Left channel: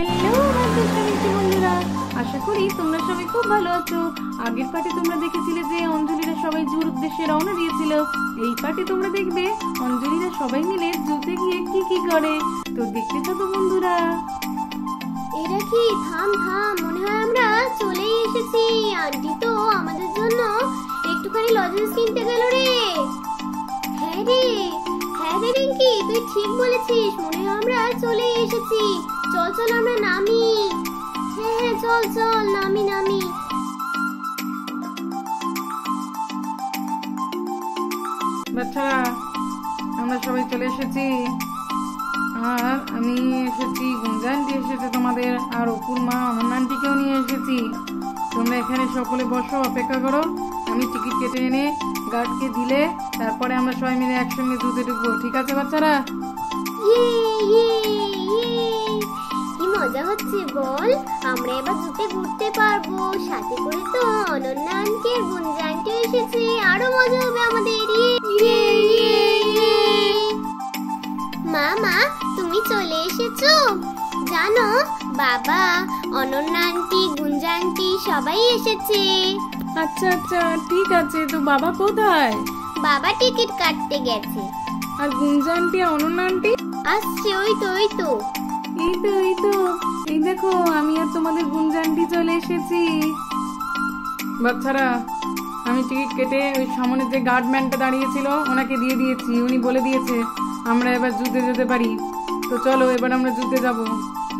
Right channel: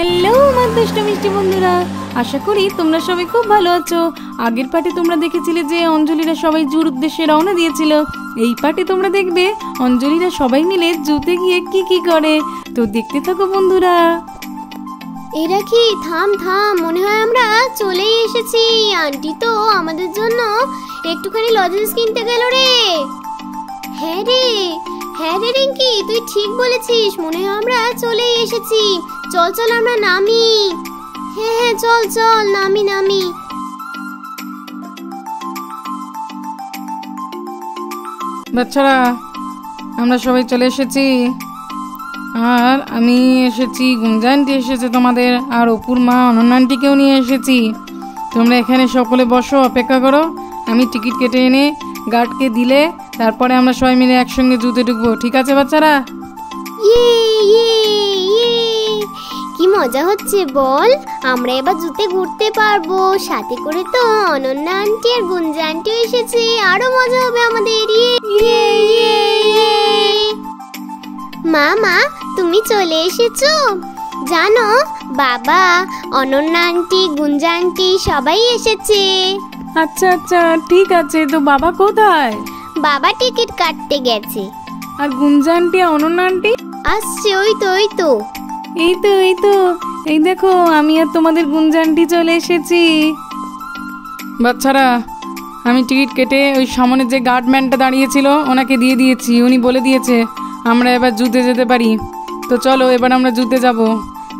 Hello আমার দুষ্ট মিষ্টি বন্ধুরা, আশা করি তোমরা সবাই খুব ভালো আছো। আগের পার্টে তোমরা দেখেছিলে যে অঞ্জলিরা সবাই জুর উদ্দেশ্যে রওনা দিয়েছিল। এই পার্টে তোমরা দেখবে অঞ্জলিরা সবাই মিলে জুতে গিয়ে কি কি করে। তো দেখতে থাকো বন্ধুরা। এরা কি থাম থাম, মনে হয় আমরা চলেই এসেছি। আন্টি তো আমাদের জন্য একটুখানি লজেন্স কিনতে গেল রে। হ্যাঁ রে রিঙ্কি, তুই ঠিক বলেছিস, মনে হয় আমরা চলেই এসেছি। চল চল আমরা নামি। হ্যাঁ চল চল নামি। বাচ্চারা, আমরা সবাই চলে এসেছি। আর আমি এসেছি, গুঞ্জানটি এসেছে তোমাদের, আর অপুর মা অনন্যানটিকেও নিয়ে এসেছি। তোমরা এখানে সকলে বসো, অপেক্ষা করো। আমি টিকিট কেটে এনে গার্ডকে দিলে তারপরে আমরা সবাই মিলে একসঙ্গে জুতে ঢুকবো, ঠিক আছে বাচ্চারা? কি মজা হচ্ছে বল, আমরা এবার জুতে ঘুরতে পারবো। সাথে করে তো অনন্যা আন্টি আর গুঞ্জা আন্টিও এসেছে, আরো মজা হবে আমাদের। মা তুমি চলে এসেছো? জানো বাবা, অনন্যা আন্টি, গুঞ্জা আন্টি সবাই এসেছে। আচ্ছা আচ্ছা ঠিক আছে। তো বাবা কোথায়? বাবা টিকিট কাটতে গেছে। আর গুঞ্জা আন্টি আর অনন্যা আন্টি? আসছে, ওই তো এই দেখো, আমি আর তোমাদের গুঞ্জা আন্টি চলে এসেছি। বাচ্চারা, আমি টিকিট কেটে ওই সামনে যে গার্ডম্যানটা দাঁড়িয়েছিল ওনাকে দিয়ে দিয়েছি। উনি বলে দিয়েছে আমরা এবার জুতে যেতে পারি। তো চলো এবার আমরা জুতে যাব।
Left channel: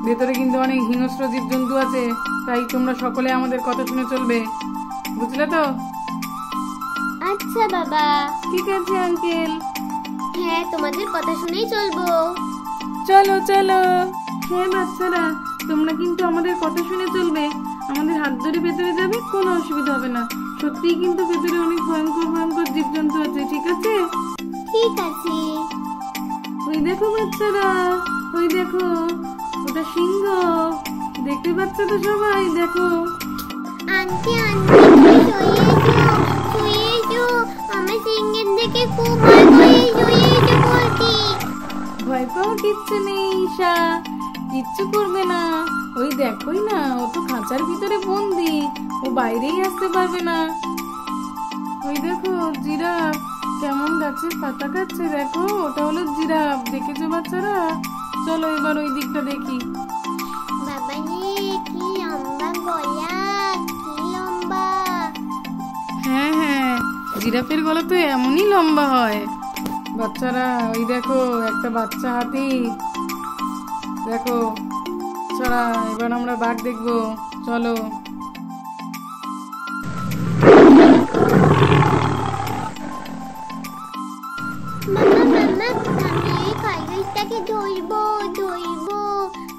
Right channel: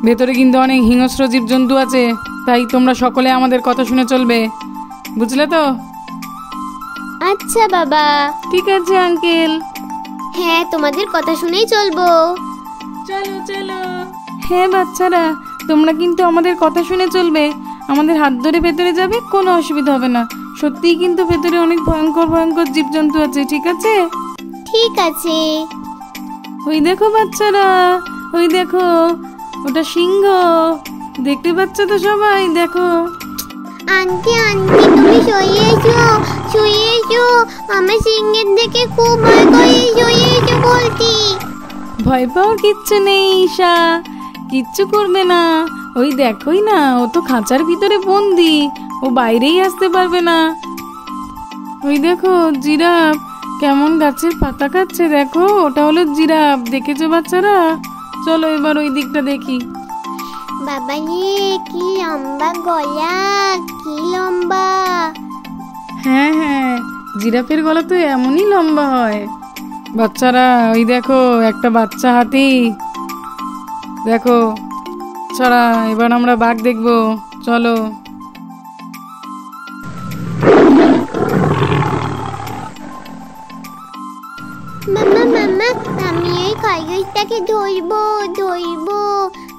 ভেতরে কিন্তু অনেক হিংস্র জীবজন্তু আছে, তাই তোমরা সকলে আমাদের কথা শুনে চলবে, বুঝলে তো? আচ্ছা বাবা। ঠিক আছে আঙ্কেল। হ্যাঁ, তোমাদের কথা শুনেই চলবো। চলো চলো। হ্যাঁ বাচ্চারা, তোমরা কিন্তু আমাদের কথা শুনে চলবে। আমাদের হাত ধরে ভেতরে যাবে, কোনো অসুবিধা হবে না। সত্যিই কিন্তু ভেতরে অনেক ভয়ঙ্কর জীবজন্তু আছে, ঠিক আছে? ঠিক আছে। ওই দেখো বাচ্চারা, ওই দেখো, ওটা সিংহ। দেখতে পাচ্ছ তো সবাই? দেখো। আন্টি তুমি শুয়ে এসো। আমার সিংহের দেখে খুব ভয় করে, শুয়ে এসো বলছি। ভয় পাওয়ার কিচ্ছু নেই ঈশা, কিচ্ছু করবে না। ওই দেখোই না, ও তো খাঁচার ভিতরে বন্দি, ও বাইরেই আসতে পারবে না। ওই দেখো জিরাফ কেমন গাছের পাতা খাচ্ছে, দেখো, ওটা হলো জিরাফ। দেখেছো বাচ্চারা? চলো এবার ওই দিকটা দেখি। বাবা রে, কি লম্বা গলা, কি লম্বা। হ্যাঁ, জিরাফের গলা তো এমনই লম্বা হয়। বাচ্চারা, ওই দেখো একটা বাচ্চা হাতি, দেখো। ছাড়া এবার আমরা বাঘ দেখবো, চলো। মামা আমি এই খরগোশটাকে ধরবো।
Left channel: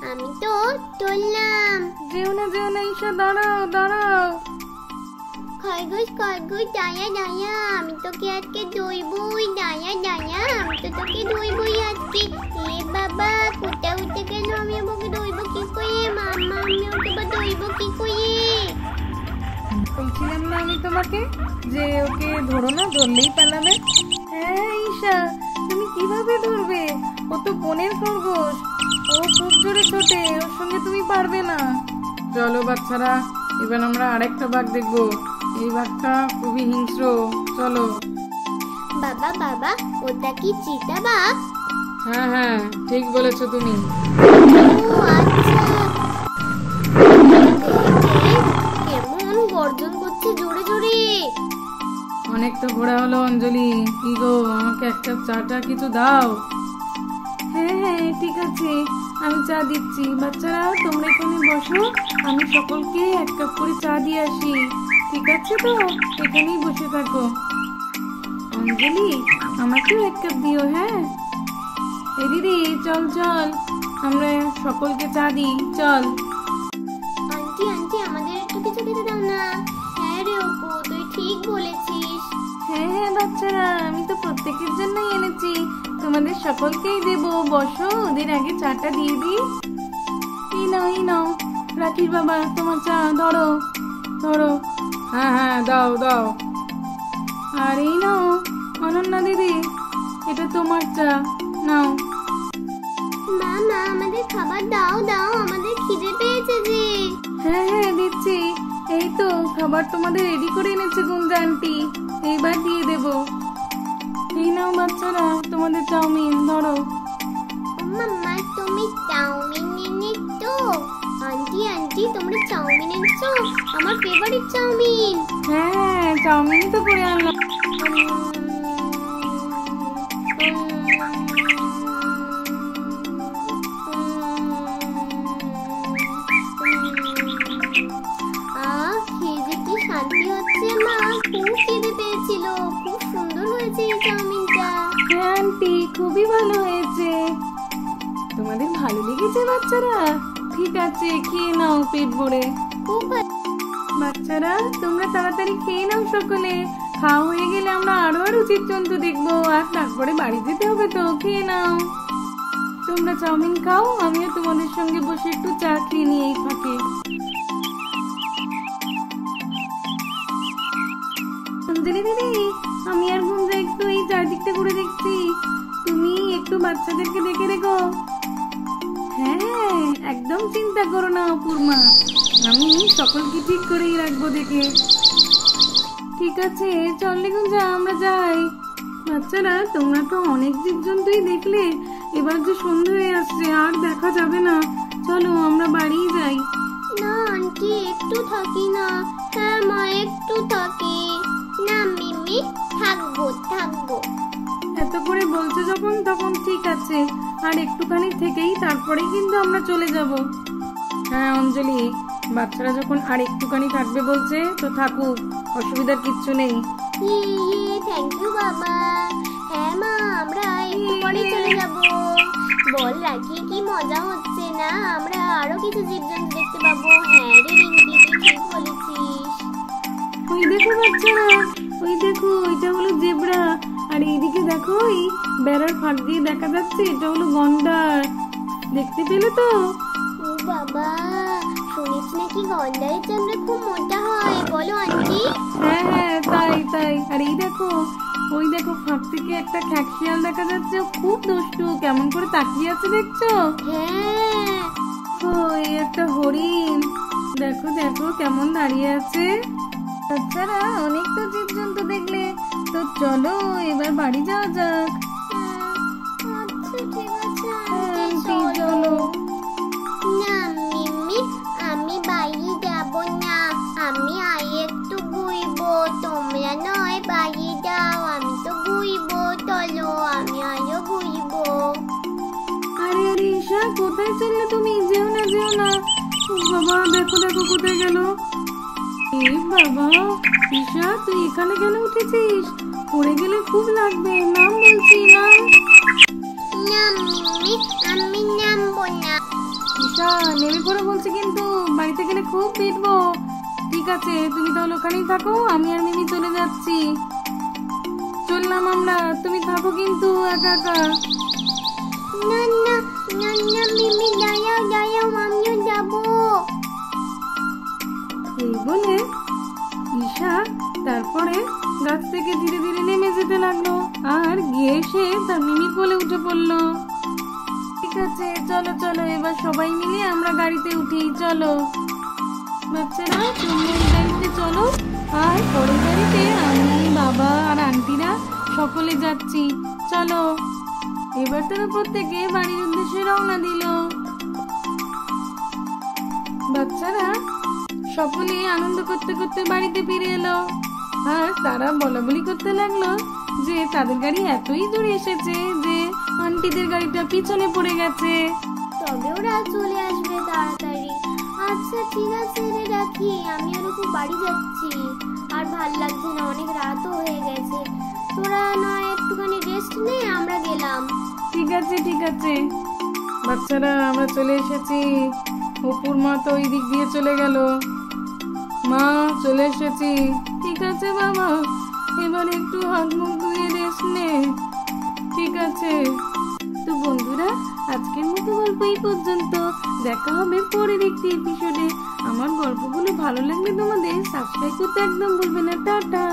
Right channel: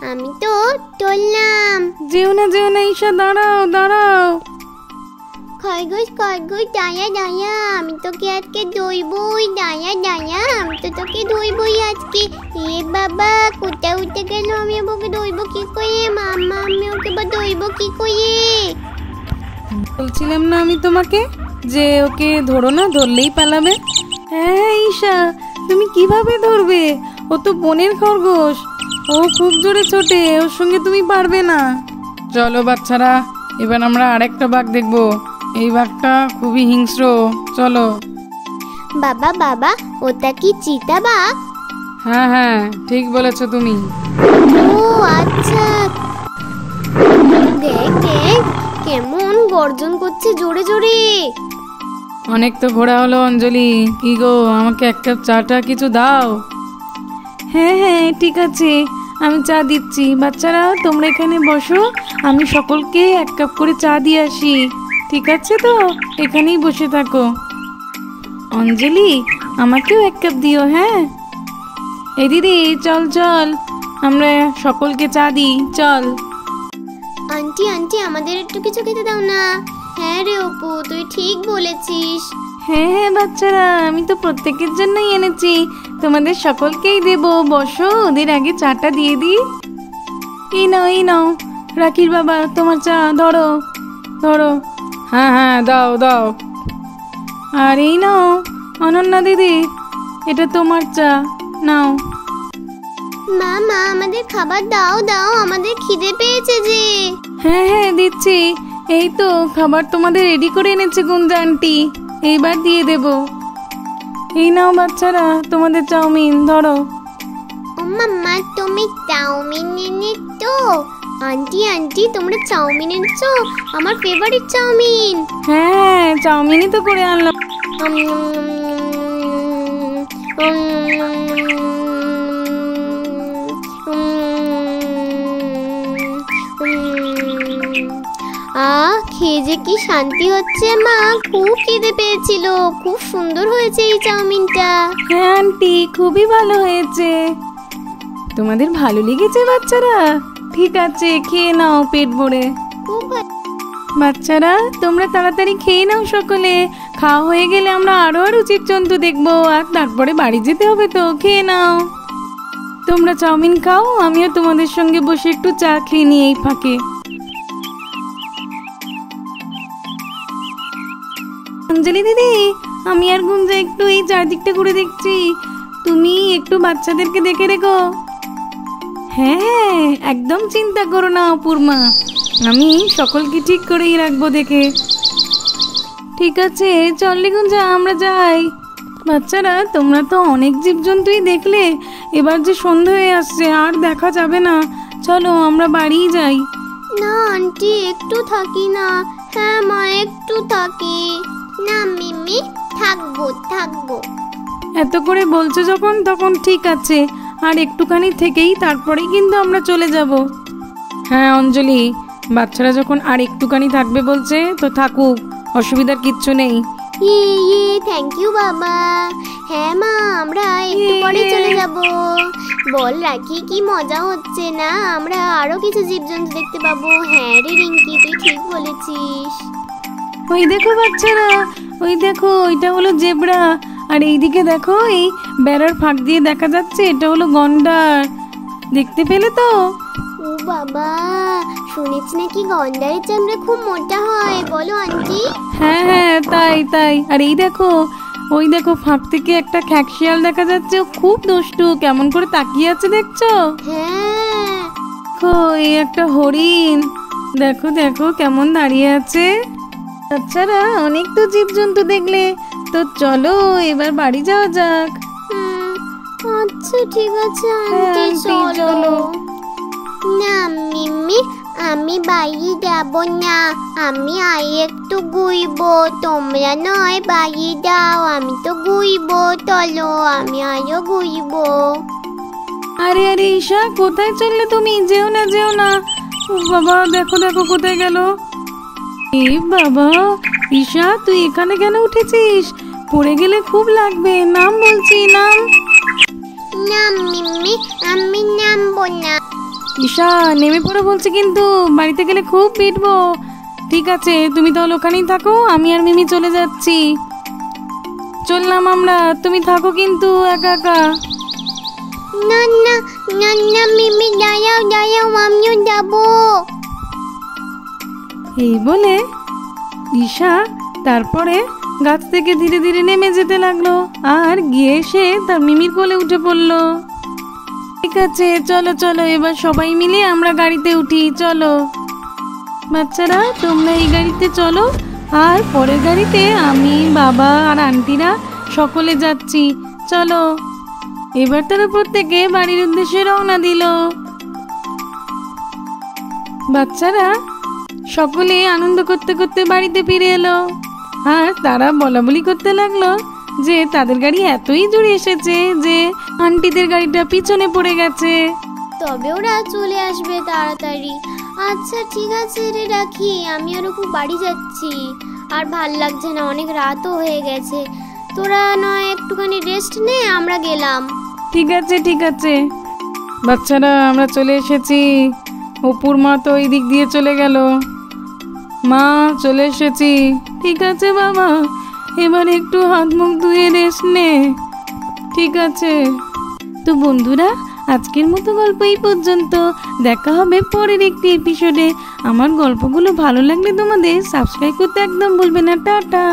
আমি তো ধরলাম। যেও না ঈশা, দাঁড়াও। খরগোশ দাঁড়া, আমি তোকে আজকে ধরবই। দাঁড়া, আমি তো তোকে ধরবই আজকে। এ বাবা, কোথায় উঠে গেল? আমি ওকে ধরবো কি করে? মামা, আমি ওকে ধরবো কি করে? বলছিলাম না আমি তোমাকে যে ওকে ধরো না, ধরলেই পালাবে। হ্যাঁ ঈশা, তুমি কিভাবে ধরবে? ও তো বনের খরগোশ, ও খুব জোরে ছোটে, ওর সঙ্গে তুমি পারবে না। চলো বাচ্চারা, এবার আমরা আরেকটা বাঘ দেখবো। এই বাঘটা খুবই হিংস্র, চলো। বাবা ওটা কি চিতা বাঘ? হ্যাঁ ঠিক বলেছো তুমি। ও আচ্ছা, দেখ কেমন গর্জন করছে জোরে জোরে। অনেক তো ঘোরা হলো অঞ্জলি, কি গো, আমাকে এক কাপ চাটা কিছু দাও। হ্যাঁ ঠিক আছে, আমি চা দিচ্ছি। বাচ্চারা তোমরা এখানে বসো, আমি সকলকে এক কাপ করে চা দিয়ে আসি, ঠিক আছে? তো এখানেই বসে থাকো। অঞ্জলি, আমাকেও এক কাপ দিও। হ্যাঁ এই দিদি, চল আমরা সকলকে চা দিই, চল। আন্টি আমাদের একটু কিছু খেতে দাও না। হ্যাঁ রে অপু, তুই ঠিক বলেছিস। হ্যাঁ বাচ্চারা, আমি তো প্রত্যেকের জন্যই এনেছি, তোমাদের সকলকেই দেবো। বসো, ওদের আগে চাটা দিয়ে দিই। এই নাও রাখির বাবা, তোমার চা, ধরো। হ্যাঁ দাও। আর এই নাও অনন্যা দিদি, এটা তোমার চা, নাও। মামা, আমাদের খাবার দাও, আমাদের খিদে হ্যাঁ হ্যাঁ দিচ্ছি। এই তো খাবার তোমাদের রেডি করে এনেছে গুঞ্জা আন্টি, এইবার দিয়ে দেব। এই নাও বাচ্চারা তোমাদের চাউমিন, ধরো। ও মাম্মা, তুমি চাউমিন এনেছো? আন্টি আন্টি, তোমরা চাউমিন এনেছো? আমার ফেভারিট চাউমিন। হ্যাঁ চাউমিনই তো করে আনলাম। খেয়ে যে কি শান্তি হচ্ছে মা, খুব খিদে পেয়েছিল। খুব সুন্দর হয়েছে এই চাউমিনটা। হ্যাঁ আন্টি, খুবই ভালো হয়েছে। তোমাদের ভালো লেগেছে বাচ্চারা? ঠিক আছে, খেয়ে নাও পেট ভরে। খুব ভালো। বাচ্চারা তোমরা তাড়াতাড়ি খেয়ে নাও সকলে। খাওয়া হয়ে গেলে আমরা আরো জীবজন্তু দেখবো, আর তারপরে বাড়ি যেতে হবে তো। খেয়ে নাও। তোমরা চাউমিন খাও, আমিও তোমাদের সঙ্গে বসে একটু চা খেয়ে নিই এই ফাঁকে। অঞ্জলি দিদি, আমি আর গুঞ্জা একটু এই চারদিকটা ঘুরে দেখছি, তুমি একটু বাচ্চাদেরকে দেখে রেখো। হ্যাঁ একদম চিন্তা করো না অপূর্মা, আমি সকলকে ঠিক করেই রাখবো দেখে। ঠিক আছে চল গুঞ্জা, আমরা যাই। বাচ্চারা তোমরা তো অনেক জীবজন্তুই দেখলে, এবার যে সন্ধ্যা হয়ে আসছে আর দেখা যাবে না, চলো আমরা বাড়িই যাই। না আন্টি, একটু থাকি না। হ্যাঁ মা, একটু থাকি না। মিমি, থাকবো থাকবো। এত করে বলছো যখন, তখন ঠিক আছে, আর একটুখানি থেকেই তারপরেই কিন্তু আমরা চলে যাব। হ্যাঁ অঞ্জলি, বাচ্চারা যখন আর একটুখানি থাকবে বলছে তো থাকুক, অসুবিধার কিচ্ছু নেই। থ্যাংক ইউ বাবা। হ্যাঁ মা, আমরা একটু পরে চলে যাব। বল রাখি, কি মজা হচ্ছে না, আমরা আরো কিছু জীবজন্তু দেখতে পাবো। হ্যাঁ রে রিঙ্কি, তুই ঠিক বলেছিস। ওই দেখো বাচ্চারা, ওই দেখো ওইটা হলো জেব্রা, আর এইদিকে দেখো এই বেড়ার ফাঁক দিয়ে দেখা যাচ্ছে এটা হলো গন্ডার। দেখতে পেলে তো? ও বাবা, শুনেছি নাকি গন্ডারের চামড়া খুব মোটা হয়, বলো আন্টি? হ্যাঁ হ্যাঁ তাই তাই। আর এই দেখো, ওই দেখো ফাঁক থেকে একটা খ্যাকশিয়াল দেখা যাচ্ছে, ও খুব দুষ্টু, কেমন করে তাকিয়ে আছে দেখছো? হ্যাঁ। দেখো এই একটা হরিণ, দেখো দেখো কেমন দাঁড়িয়ে আছে। বাচ্চারা অনেক তো জীবজন্তু দেখলে, তো চলো এবার বাড়ি যাওয়া যাক। আচ্ছা ঠিক আছে আন্টি, আন্টি, চলো। চলো। না মিমি, আমি বাড়ি যাব না। আমি আর একটু ঘুরবো, তোমরা নয় বাড়ি যাও, আমি তো ঘুরবো। চলো, আমি আরো ঘুরবো। আরে আরে ঈশা, কোথায় চললে তুমি? যেও না যেও না। ও বাবা, দেখো দেখো কোথায় গেল। এ বাবা, ঈশা তুই এখানে কেন উঠেছিস? পড়ে গেলে খুব লাগবে, নাম বলছি নাম। না মিমি, আমি নামবো না। ঈশা নেমে পড়ে বলছি কিন্তু, বাড়িতে গেলে খুব পিটবো। ঠিক আছে তুমি তাহলে ওখানেই থাকো, আমি আর মিমি চলে যাচ্ছি। চললাম আমরা, তুমি থাকো কিন্তু একা একা। না না না না মিমি, দাঁড়াও দাঁড়াও, আমিও যাবো। এই বলে ঈশা তারপরে গাছ থেকে ধীরে ধীরে নেমে যেতে লাগলো, আর গিয়ে সে তার মিমির কোলে উঠে পড়লো। ঠিক আছে চলো চলো, এবার সবাই মিলে আমরা গাড়িতে উঠি, চলো। বাচ্চারা তোমরা এই গাড়িতে চলো, আর পরের গাড়িতে আমি, বাবা আর আন্টিরা সকলে যাচ্ছি, চলো। এবার তারা প্রত্যেকে বাড়ির উদ্দেশ্যে রওনা দিল। বাচ্চারা সকলে আনন্দ করতে করতে বাড়িতে ফিরে এলো, আর তারা বলা বলি করতে লাগলো যে তাদের গাড়ি এতই জুড়ে এসেছে যে আন্টিদের গাড়িটা পিছনে পড়ে গেছে। তবে ওরা চলে আসবে তাড়াতাড়ি। আচ্ছা ঠিক আছে রে, রাখি, আমি ওর খুব বাড়ি যাচ্ছি, আর ভাল লাগছে না, অনেক রাতও হয়ে গেছে। তোরা নয় একটুখানি রেস্ট নে, আমরা গেলাম। ঠিক আছে ঠিক আছে। বাচ্চারা আমরা চলে এসেছি। অপুর মা তো এই দিক দিয়ে চলে গেল। মা চলে এসেছি। ঠিক আছে বাবা, এবার একটু হাত মুখ ধুয়ে রেস্ট নে। ঠিক আছে। তো বন্ধুরা, আজকের মতো গল্প এই পর্যন্ত। দেখা হবে পরের একটি এপিসোডে। আমার গল্পগুলো ভালো লাগলে তোমাদের সাবস্ক্রাইব করতে একদম ভুলবে না। টাটা।